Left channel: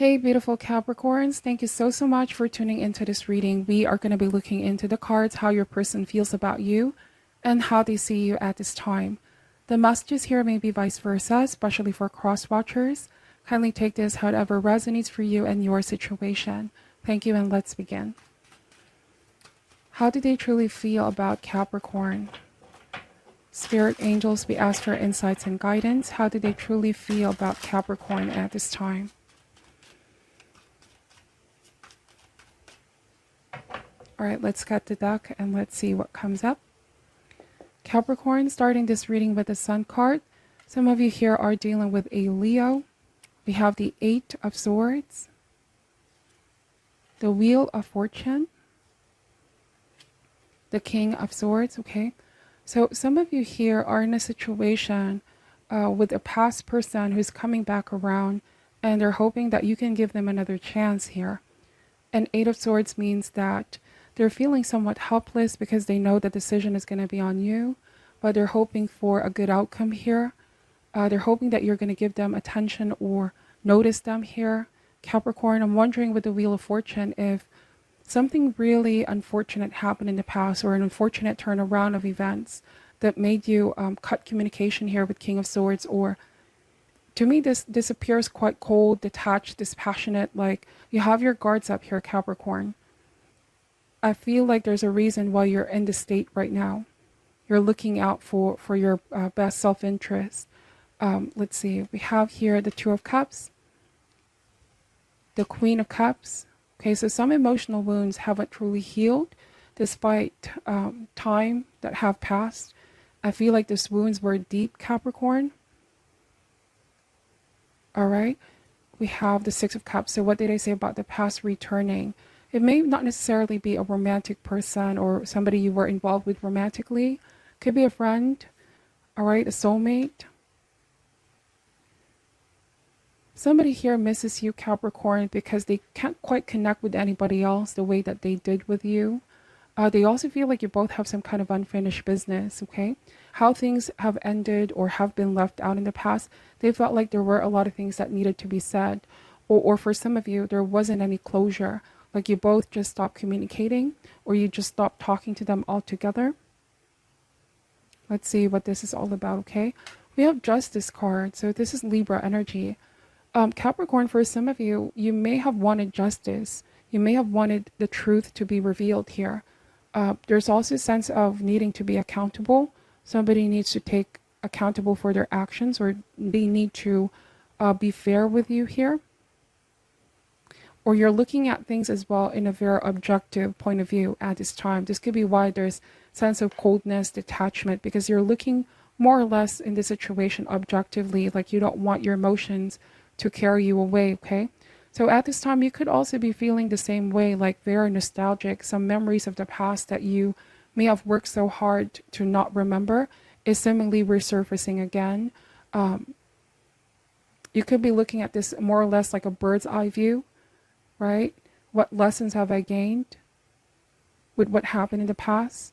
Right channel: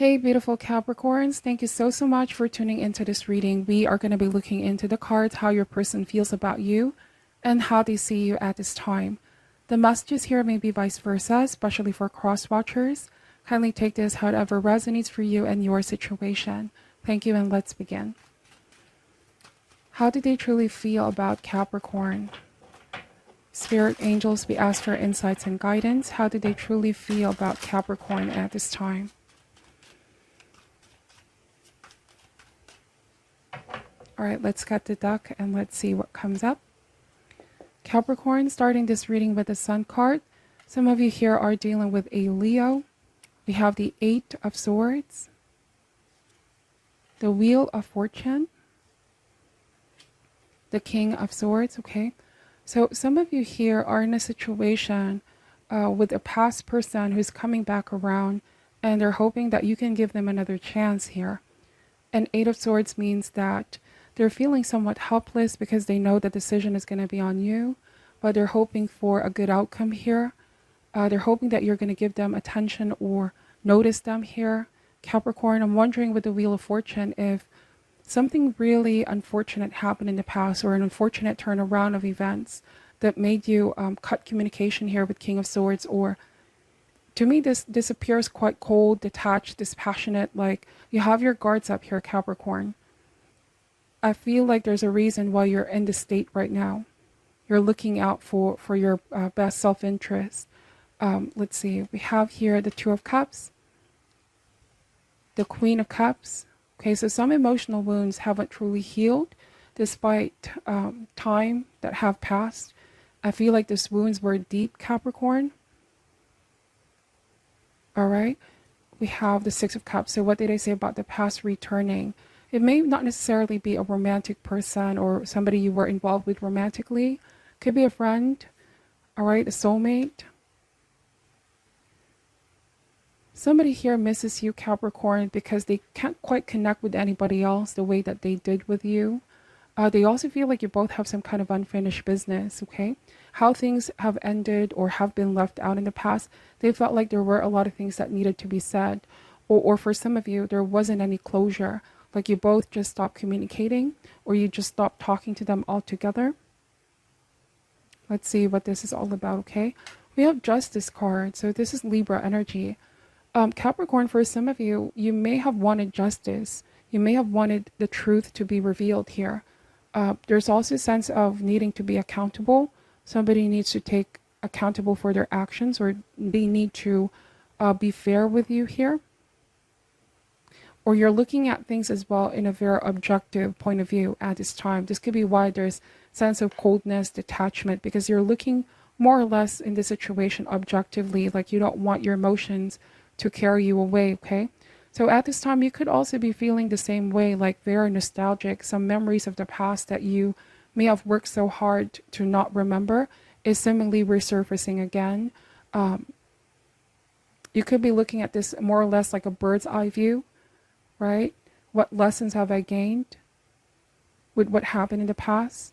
Hey, beautiful Capricorns. Thank you so much for tuning into this reading. We are going to be looking into the cards, how your person feels about you, and how they see you at this time. The messages here may be vice versa, especially for cross watchers. Kindly take this however resonates for you and your situation. Thank you, and let's begin. How do they truly feel about Capricorn? Spirit angels, we ask for insights and guidance. How do they truly feel about Capricorn at this time? All right, let's get the deck and let's see what comes up. Capricorn, starting this reading with the Sun card. Some of you here are dealing with a Leo. We have the Eight of Swords, the Wheel of Fortune, the King of Swords, okay? So some of you here are in a situation with a past person who's coming back around, and they're hoping that you can give them another chance here. And Eight of Swords means that they're feeling somewhat helpless because they know the decision is going to be on you, but they're hoping for a good outcome here. They're hoping that you're going to give them attention or notice them here. Capricorn, I'm wondering with the Wheel of Fortune if something really unfortunate happened in the past, or an unfortunate turnaround of events that made you cut communication here with King of Swords. Or to me, this appears quite cold, detached, dispassionate, like you have your guards up here, Capricorn. I feel like there's a reason why you're in this state right now. You're looking out for your best self-interest. Let's see. We have here the Two of Cups, the Queen of Cups. Okay, so some emotional wounds haven't truly healed despite time that have passed. I feel like these wounds were deep, Capricorn. All right. We have the Six of Cups. So what did I say about the past returning? It may not necessarily be a romantic person or somebody you were involved with romantically. Could be a friend, all right, a soulmate. Somebody here misses you, Capricorn, because they can't quite connect with anybody else the way that they did with you. They also feel like you both have some kind of unfinished business, okay? How things have ended or have been left out in the past, they felt like there were a lot of things that needed to be said. Or for some of you, there wasn't any closure. Like you both just stopped communicating, or you just stopped talking to them altogether. Let's see what this is all about, okay? We have Justice card, so this is Libra energy. Capricorn, for some of you, you may have wanted justice. You may have wanted the truth to be revealed here. There's also a sense of needing to be accountable. Somebody needs to take accountable for their actions, or they need to be fair with you here. Or you're looking at things as well in a very objective point of view at this time. This could be why there's sense of coldness, detachment, because you're looking more or less in the situation objectively, like you don't want your emotions to carry you away, okay? So at this time, you could also be feeling the same way, like very nostalgic. Some memories of the past that you may have worked so hard to not remember is seemingly resurfacing again. You could be looking at this more or less like a bird's eye view. Right? What lessons have I gained with what happened in the past?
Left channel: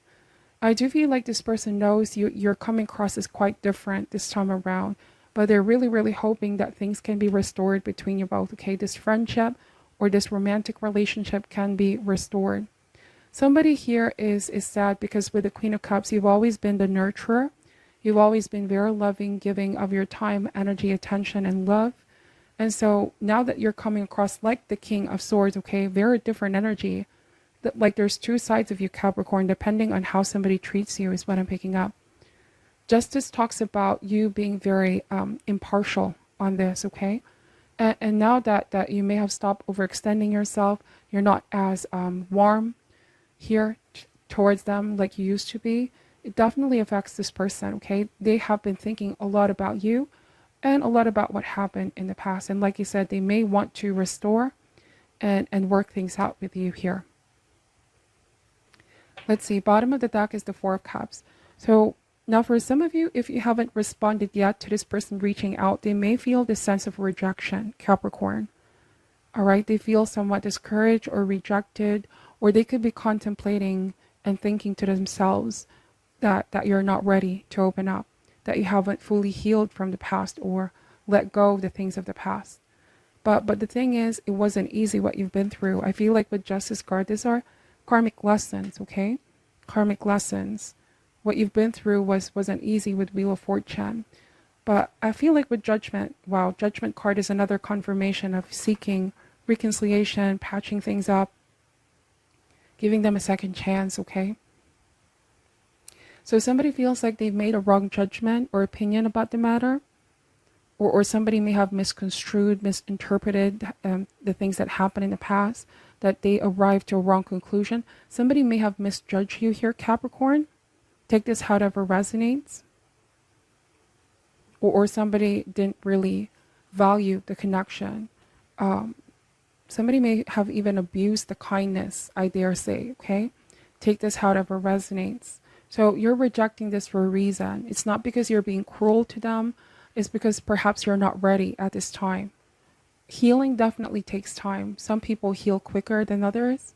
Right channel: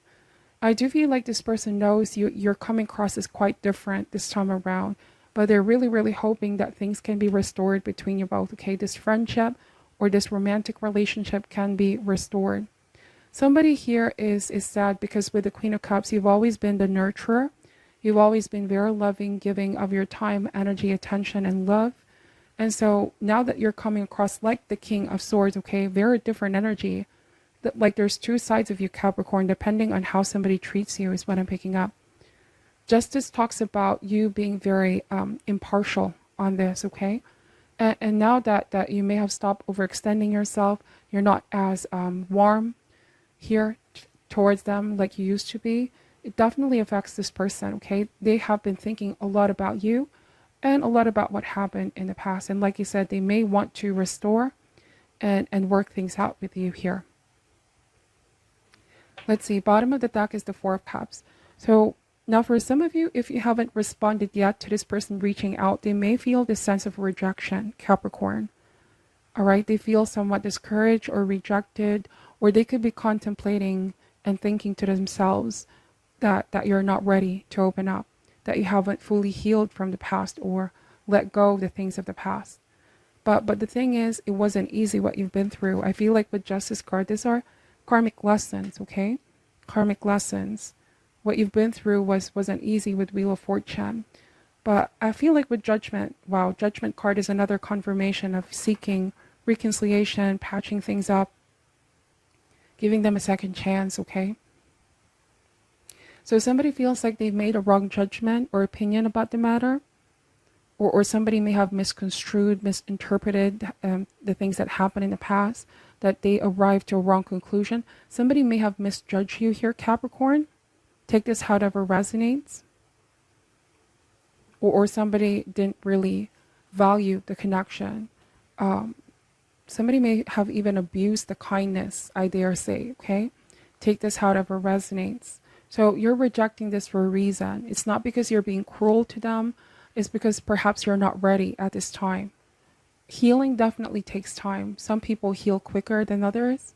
I do feel like this person knows you're coming across as quite different this time around, but they're really hoping that things can be restored between you both, okay? This friendship or this romantic relationship can be restored. Somebody here is sad because with the Queen of Cups, you've always been the nurturer. You've always been very loving, giving of your time, energy, attention, and love. And so now that you're coming across like the King of Swords, okay, very different energy. That like there's two sides of you, Capricorn, depending on how somebody treats you is what I'm picking up. Justice talks about you being very impartial on this, okay? And now that you may have stopped overextending yourself, you're not as warm here towards them like you used to be. It definitely affects this person, okay? They have been thinking a lot about you and a lot about what happened in the past. And like you said, they may want to restore and work things out with you here. Let's see, bottom of the deck is the Four of Cups. So now for some of you, if you haven't responded yet to this person reaching out, they may feel this sense of rejection, Capricorn. All right, they feel somewhat discouraged or rejected, or they could be contemplating and thinking to themselves that you're not ready to open up, that you haven't fully healed from the past or let go of the things of the past. But the thing is, it wasn't easy what you've been through. I feel like with Justice card, these are karmic lessons, okay? Karmic lessons. What you've been through wasn't easy with Wheel of Fortune. But I feel like with Judgment, wow, Judgment card is another confirmation of seeking reconciliation, patching things up, giving them a second chance, okay? So somebody feels like they've made a wrong judgment or opinion about the matter, or somebody may have misconstrued, misinterpreted the things that happened in the past, that they arrived to a wrong conclusion. Somebody may have misjudged you here, Capricorn. Take this however resonates. Or somebody didn't really value the connection. Somebody may have even abused the kindness, I dare say, okay? Take this however resonates. So you're rejecting this for a reason. It's not because you're being cruel to them. It's because perhaps you're not ready at this time. Healing definitely takes time. Some people heal quicker than others.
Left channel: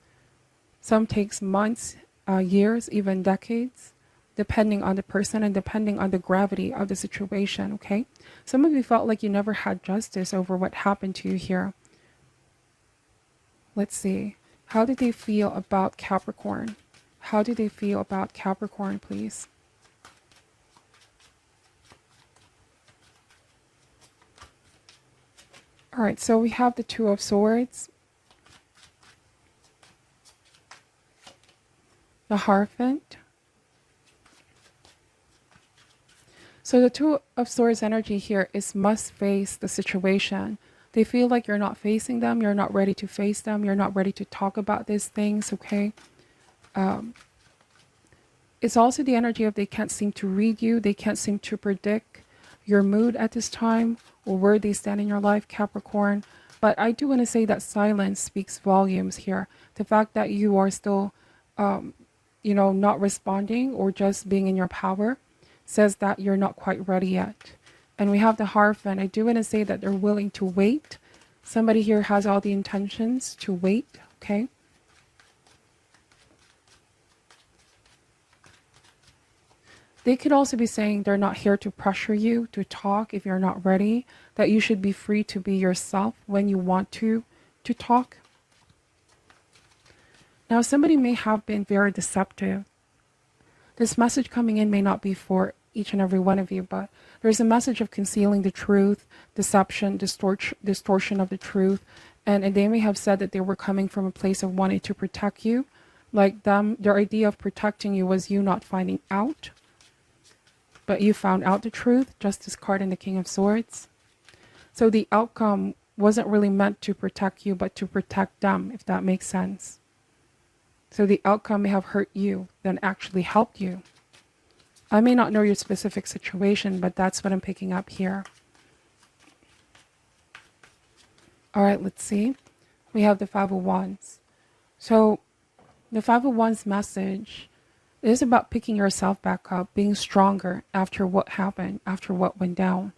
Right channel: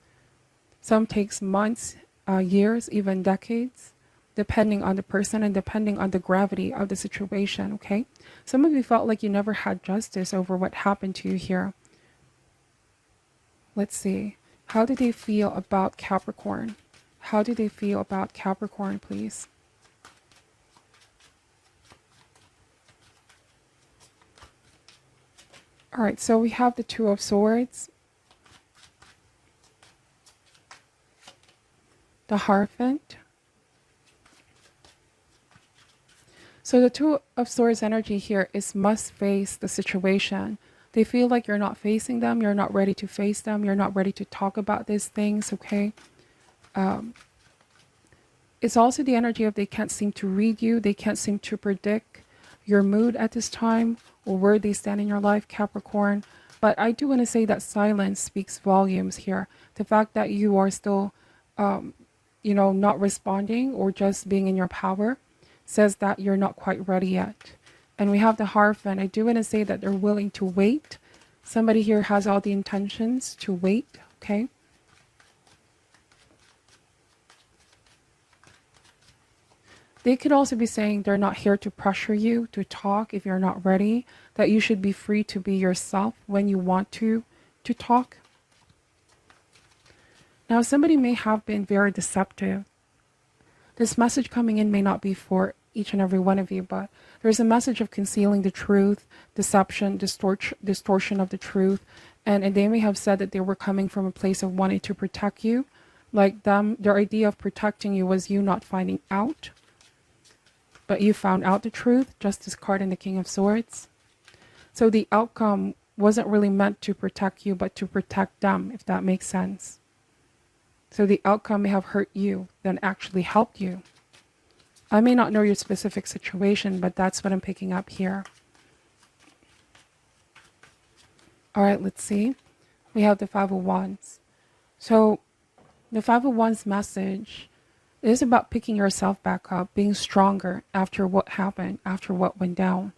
Some takes months, years, even decades, depending on the person and depending on the gravity of the situation, okay? Some of you felt like you never had justice over what happened to you here. Let's see. How do they feel about Capricorn? How do they feel about Capricorn, please? All right, so we have the Two of Swords, the Hierophant. So the Two of Swords energy here is must face the situation. They feel like you're not facing them. You're not ready to face them. You're not ready to talk about these things, okay? It's also the energy of they can't seem to read you. They can't seem to predict your mood at this time or where they stand in your life, Capricorn. But I do want to say that silence speaks volumes here. The fact that you are still, not responding or just being in your power says that you're not quite ready yet. And we have the Hierophant. I do want to say that they're willing to wait. Somebody here has all the intentions to wait, okay? They could also be saying they're not here to pressure you to talk if you're not ready, that you should be free to be yourself when you want to talk. Now, somebody may have been very deceptive. This message coming in may not be for each and every one of you, but there's a message of concealing the truth, deception, distortion of the truth. And they may have said that they were coming from a place of wanting to protect you. Like their idea of protecting you was you not finding out. But you found out the truth, Justice card and the King of Swords. So the outcome wasn't really meant to protect you, but to protect them, if that makes sense. So the outcome may have hurt you than actually helped you. I may not know your specific situation, but that's what I'm picking up here. All right, let's see. We have the Five of Wands. So the Five of Wands message is about picking yourself back up, being stronger after what happened, after what went down.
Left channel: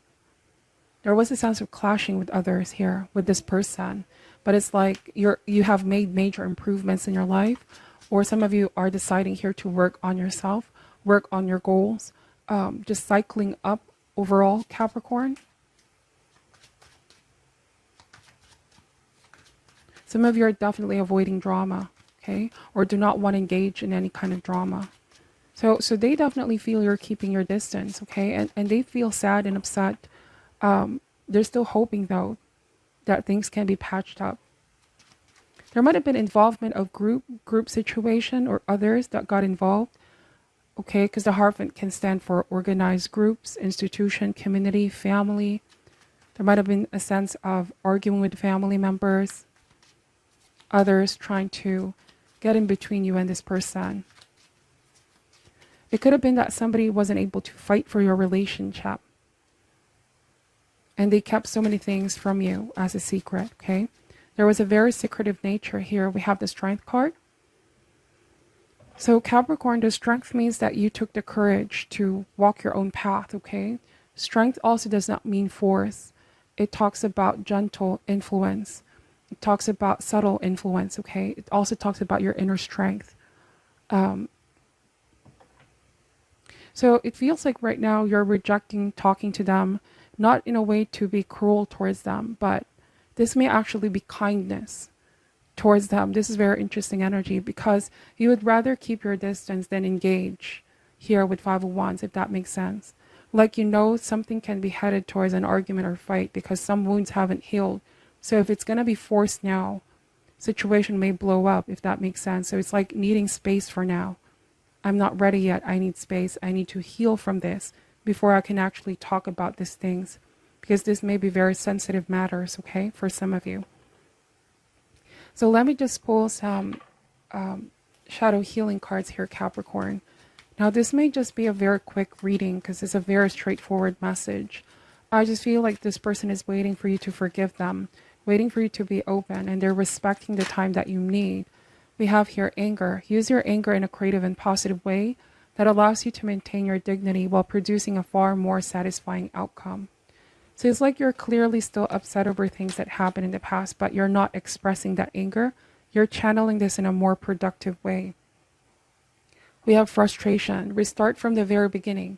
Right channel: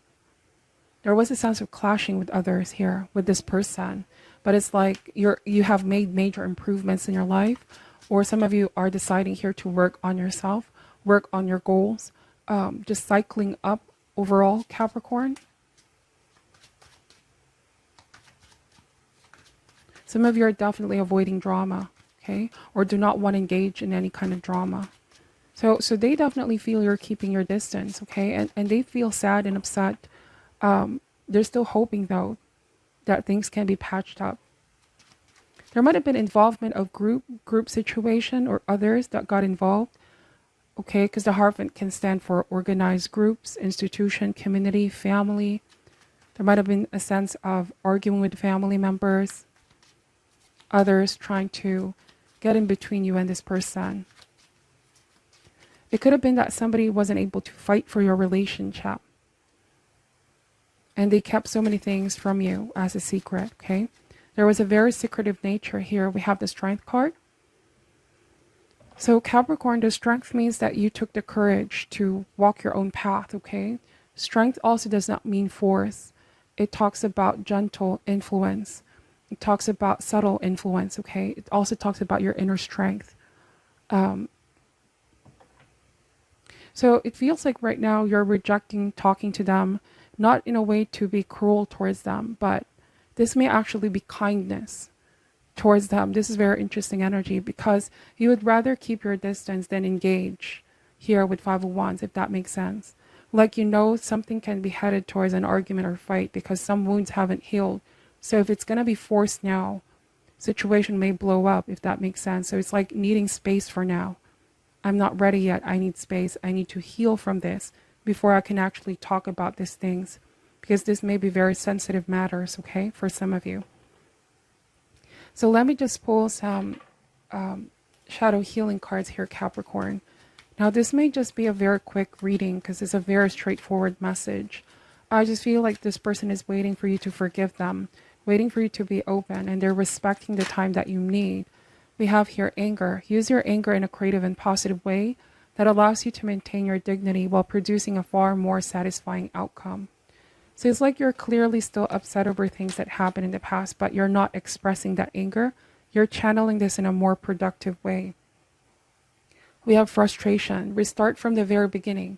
There was a sense of clashing with others here, with this person. But it's like you have made major improvements in your life, or some of you are deciding here to work on yourself, work on your goals, just cycling up overall, Capricorn. Some of you are definitely avoiding drama, okay? Or do not want to engage in any kind of drama. So they definitely feel you're keeping your distance, okay? And they feel sad and upset. They're still hoping, though, that things can be patched up. There might have been involvement of group situation or others that got involved, okay? Because the Hierophant can stand for organized groups, institution, community, family. There might have been a sense of arguing with family members, others trying to get in between you and this person. It could have been that somebody wasn't able to fight for your relationship, and they kept so many things from you as a secret, okay? There was a very secretive nature here. We have the Strength card. So Capricorn, the strength means that you took the courage to walk your own path, okay? Strength also does not mean force. It talks about gentle influence. It talks about subtle influence, okay? It also talks about your inner strength. So it feels like right now you're rejecting talking to them, not in a way to be cruel towards them, but This may actually be kindness towards them. This is very interesting energy because you would rather keep your distance than engage here with Five of Wands, if that makes sense. Like, you know, something can be headed towards an argument or fight because some wounds haven't healed. So if it's going to be forced now, situation may blow up, if that makes sense. So it's like needing space for now. I'm not ready yet. I need space. I need to heal from this before I can actually talk about these things, because this may be very sensitive matters, okay, for some of you. So let me just pull some shadow healing cards here, Capricorn. Now, this may just be a very quick reading because it's a very straightforward message. I just feel like this person is waiting for you to forgive them, waiting for you to be open, and they're respecting the time that you need. We have here anger. Use your anger in a creative and positive way that allows you to maintain your dignity while producing a far more satisfying outcome. So it's like you're clearly still upset over things that happened in the past, but you're not expressing that anger. You're channeling this in a more productive way. We have frustration. Restart from the very beginning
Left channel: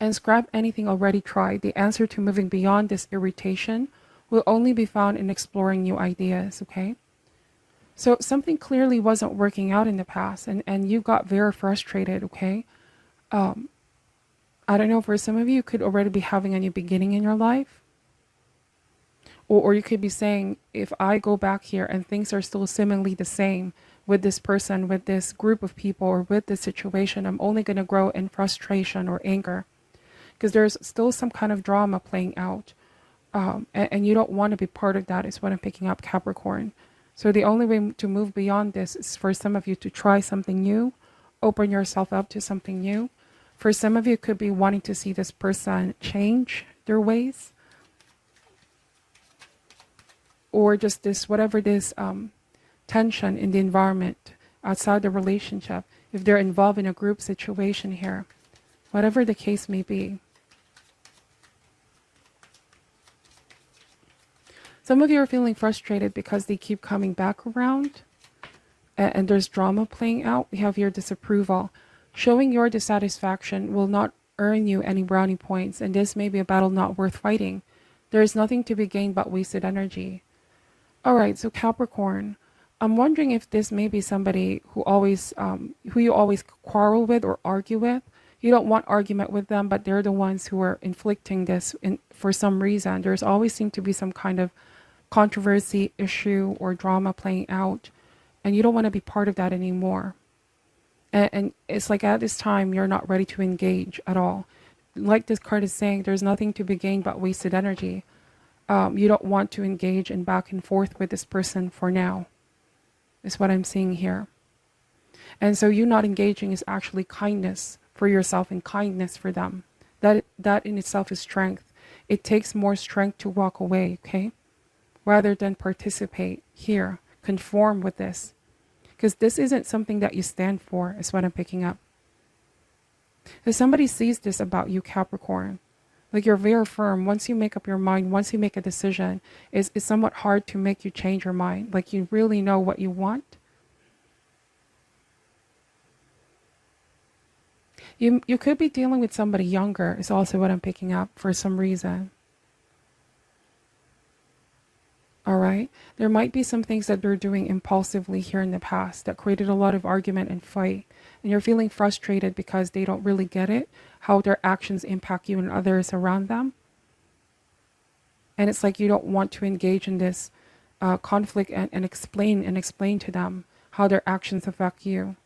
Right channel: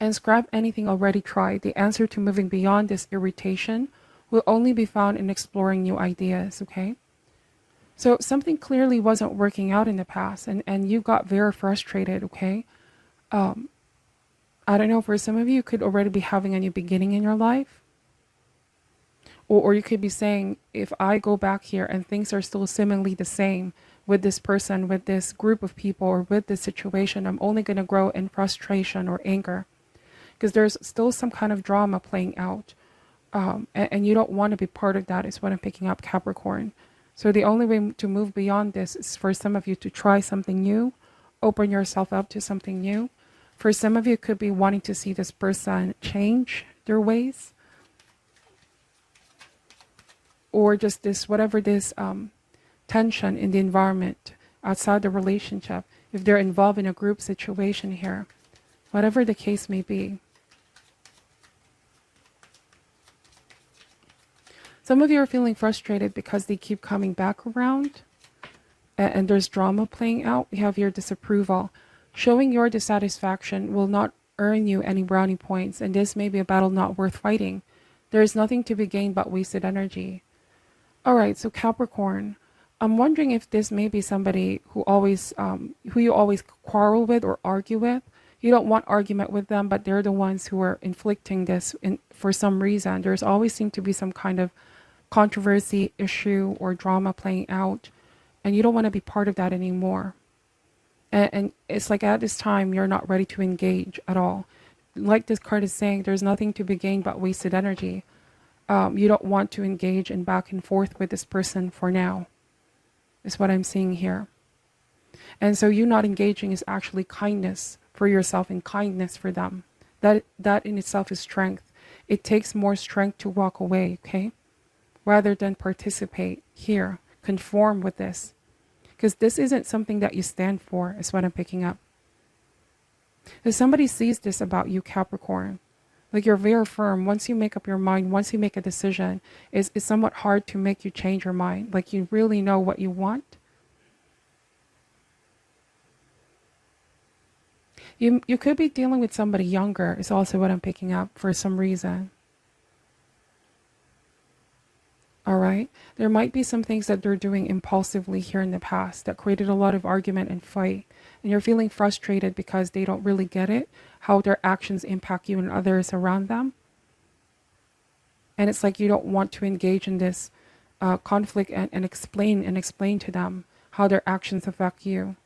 and scrap anything already tried. The answer to moving beyond this irritation will only be found in exploring new ideas, okay? So something clearly wasn't working out in the past, and you got very frustrated, okay? I don't know, for some of you, you could already be having a new beginning in your life. Or you could be saying, if I go back here and things are still seemingly the same with this person, with this group of people, or with this situation, I'm only going to grow in frustration or anger. Because there's still some kind of drama playing out. And you don't want to be part of that, is what I'm picking up, Capricorn. So the only way to move beyond this is for some of you to try something new, open yourself up to something new. For some of you, it could be wanting to see this person change their ways. Or just this, whatever this tension in the environment outside the relationship, if they're involved in a group situation here, whatever the case may be. Some of you are feeling frustrated because they keep coming back around and there's drama playing out. We have your disapproval. Showing your dissatisfaction will not earn you any brownie points, and this may be a battle not worth fighting. There is nothing to be gained but wasted energy. All right, so Capricorn, I'm wondering if this may be somebody who you always quarrel with or argue with. You don't want argument with them, but they're the ones who are inflicting this for some reason. There's always seemed to be some kind of controversy, issue, or drama playing out, and you don't want to be part of that anymore. And it's like at this time, you're not ready to engage at all. Like this card is saying, there's nothing to be gained but wasted energy. You don't want to engage in back and forth with this person for now, is what I'm seeing here. And so you not engaging is actually kindness for yourself and kindness for them. That in itself is strength. It takes more strength to walk away, okay? Rather than participate here, conform with this. Because this isn't something that you stand for, is what I'm picking up. If somebody sees this about you, Capricorn, like you're very firm. Once you make up your mind, once you make a decision, it's somewhat hard to make you change your mind. Like you really know what you want. You could be dealing with somebody younger, is also what I'm picking up for some reason. All right. There might be some things that they're doing impulsively here in the past that created a lot of argument and fight. And you're feeling frustrated because they don't really get it, how their actions impact you and others around them. And it's like you don't want to engage in this conflict and explain to them how their actions affect you.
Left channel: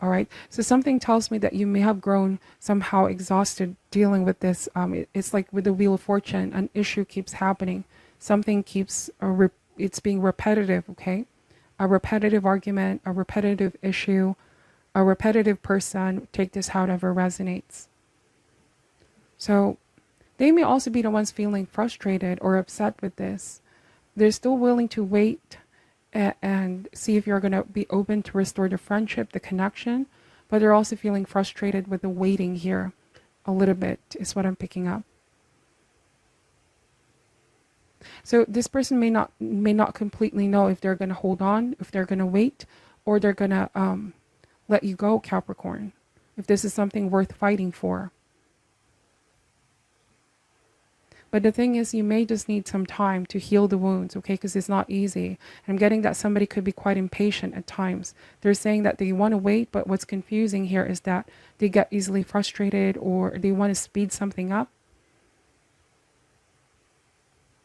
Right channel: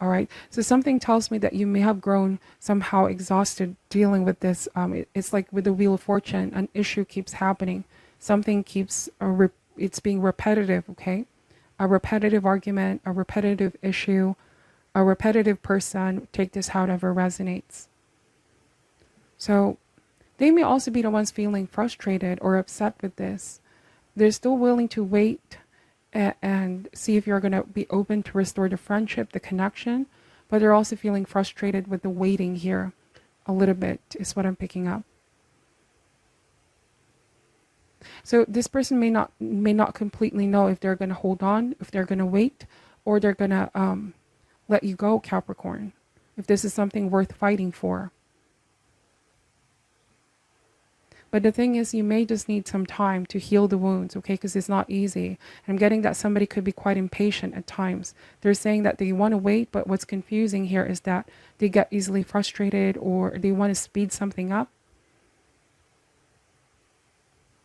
All right. So something tells me that you may have grown somehow exhausted dealing with this. It's like with the Wheel of Fortune, an issue keeps happening. Something keeps, it's being repetitive, okay? A repetitive argument, a repetitive issue, a repetitive person. Take this however resonates. So they may also be the ones feeling frustrated or upset with this. They're still willing to wait and see if you're going to be open to restore the friendship, the connection, but they're also feeling frustrated with the waiting here a little bit, is what I'm picking up. So this person may not completely know if they're going to hold on, if they're going to wait, or they're going to let you go, Capricorn, if this is something worth fighting for. But the thing is, you may just need some time to heal the wounds, okay? Because it's not easy. And I'm getting that somebody could be quite impatient at times. They're saying that they want to wait, but what's confusing here is that they get easily frustrated or they want to speed something up.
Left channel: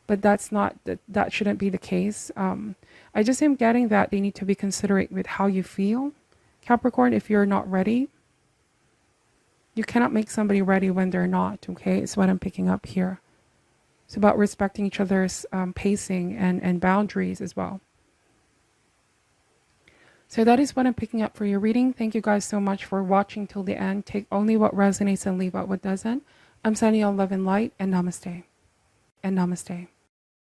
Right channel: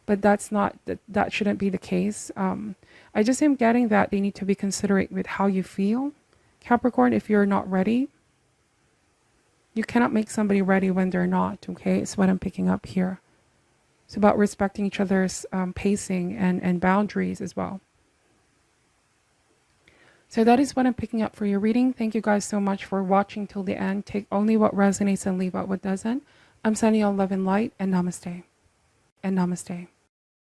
But that's not, that shouldn't be the case. I just am getting that they need to be considerate with how you feel, Capricorn, if you're not ready. You cannot make somebody ready when they're not, okay? It's what I'm picking up here. It's about respecting each other's pacing and boundaries as well. So that is what I'm picking up for your reading. Thank you guys so much for watching till the end. Take only what resonates and leave out what doesn't. I'm sending you all love and light, and namaste. And namaste.